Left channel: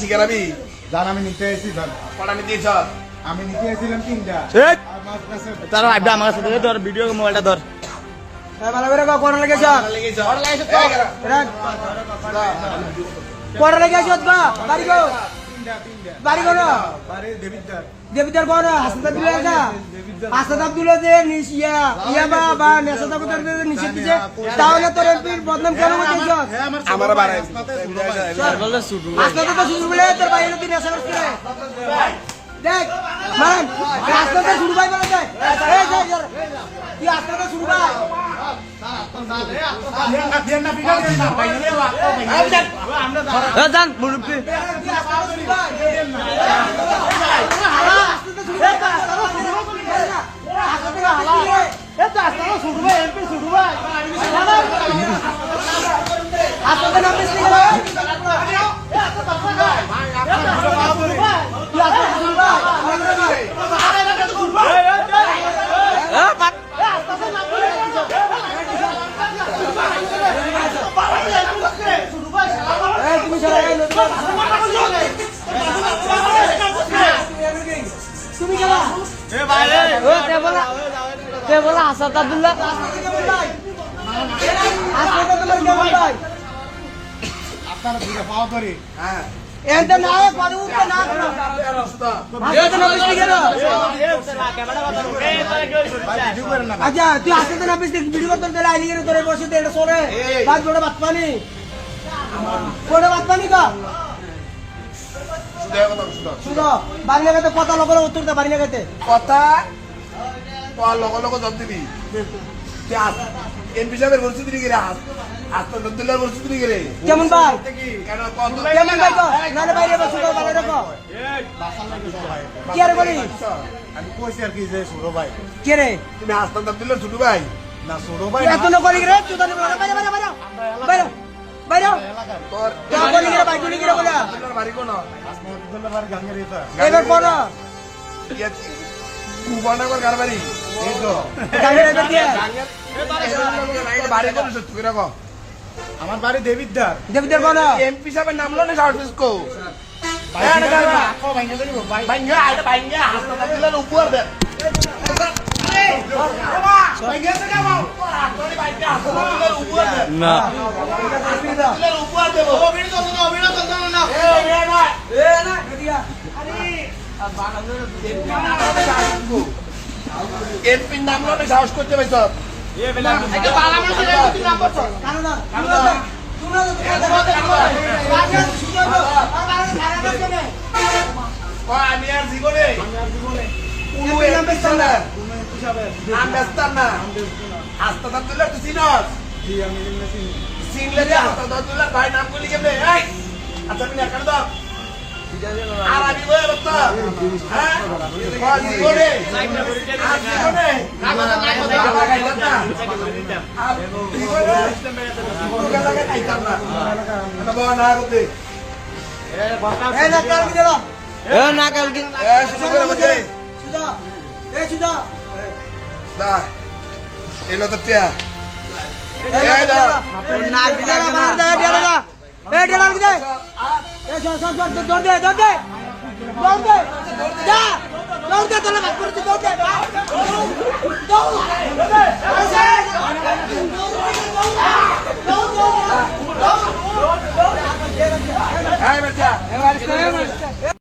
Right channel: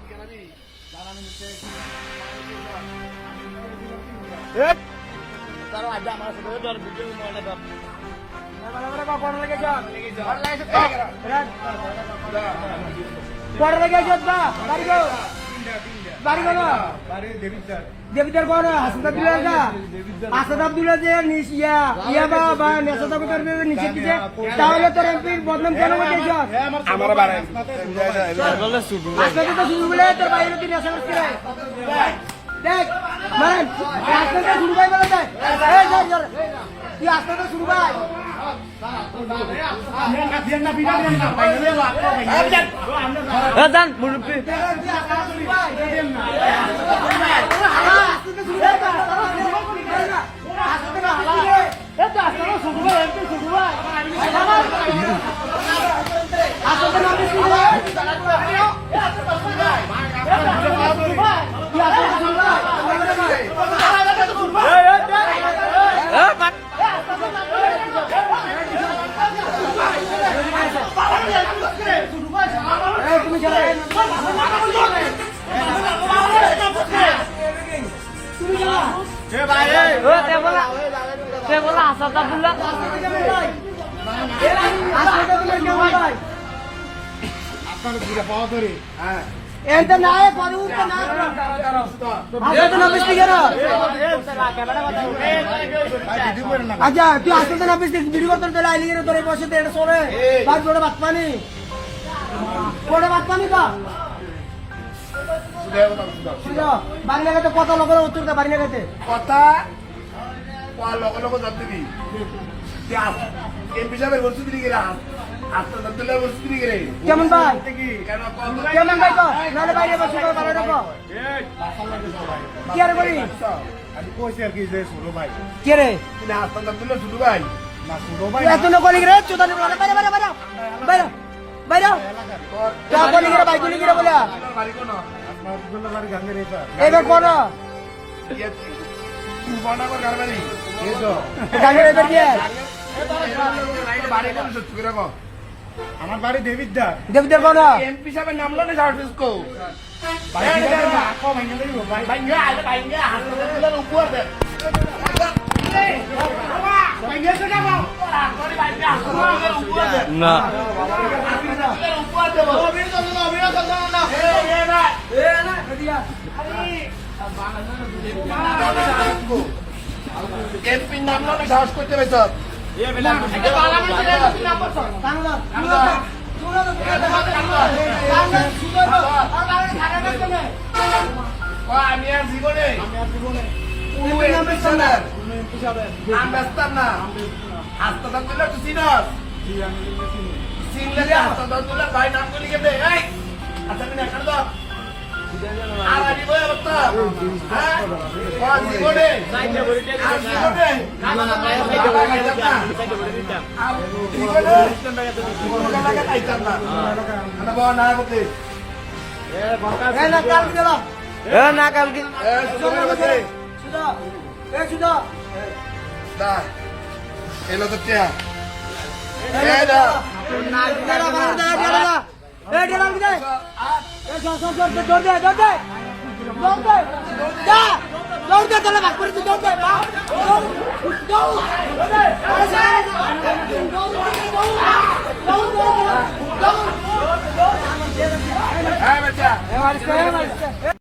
শিকারাবি জান আমি নিতে এসেছি জান কটা নিতে এসছ? আমি নিতে এসেছিলাম 3টা তারা আইবা আমার সাথে ধর ভিডিও মোবাইলটা ধর ভালো করে কোন লেগেছ লেগেছ? কোন লেগেছ বা বাড়ি গো বাড়ি গো না বারে দেবিদার দেবিদার কোন হাসপাতাল দিলে না হাসপাতাল দিলে যে নিশিয়া ইয়া বা নেশা করতে নিষেধ দিছে তাহলে তোর এমপির বদনাম কেন করতেছ আমার বাড়াই হাসপাতাল তো শুরু বলে তোর বাইরে তুই নেশা করছিস দেখ মান হাসপাতাল শুরু ভাই বলে যায় এই যা তুই হাসপাতাল শুরু ভাই জান মুরব্বি তুমি চলে তুমি চলা কেবল হাসপাতাল দিলে হাসপাতাল দিলে কেমন ভাই আপনারা দুইটা পাওয়া করে হ্যাঁ এত না পরে উঠতে না হাসপাতাল অফিস থেকে ভিডিও করেন না আচ্ছা তুই হাসপাতাল অফিস থেকে ভিডিও করতে দিলে আইলি গেলে তোরে বসে দেড় সরে বাদ বড় বাত পানি কোড়ে বাত পানি কা সুদেহ কথা সুদেহ শুনো বাড়ি লাগাতে কত লোকের উত্তর দে বাড়ি লাগাতে কথা লগ জব দিবি এমপি সাহেবের বলছি দিবি রে আস্তে দদ্দুল্লাহ বলছি দিবি রে কেমন ভাই কেন কেমন ভাই কো নালে বাইরে বসে কো ভালো রাখো কি আর বলি আমি কইছি আর কি যে সুরো ভাই কে রে তুমি আস্তে দদ্দুল্লাহ শুধু ভাই না সুরো ভাই তুই এত না কলি রে চুদানি বাইরে বাইরে বাইরে বাইরে বাইরে তোর তোর কলি রে ভাই তুমি কি বলা তোর বাড়ি কোন আসমাতুল্লাহ বাড়ি গাঙ্গের এটা এবার করো কুবানাগর গার বাড়ি এই তো গাড়ি এবার দিয়ে বাড়ি কোন সত্যি করে কো আমার বাড়ি দেবিদার দেবদের বড় এমপি সাহেবের নাম লনে সার্ভিস কো ভাই আকো ভাঙা দেব ভাই বাইঙ্গা আইটা বাইঙ্গা হাসপাতালের উপর দে না এমপি নাম লনে সাহস করতে পাইছ আমি আর জীবনে নাম ব্যস্তাম না হাসপাতাল তুলে তুই চিনস জি আমি চিনি চিনলে যে হাসপাতাল তুলে ভাই নাম করলি কেমনে এই আচ্ছা তুমি এখানে দাও আর আমি বই অবস্থা হ্যাঁ জীবনে আর জীবনে না কালকে এলো তো টিয়া হ্যাঁ বাচ্চা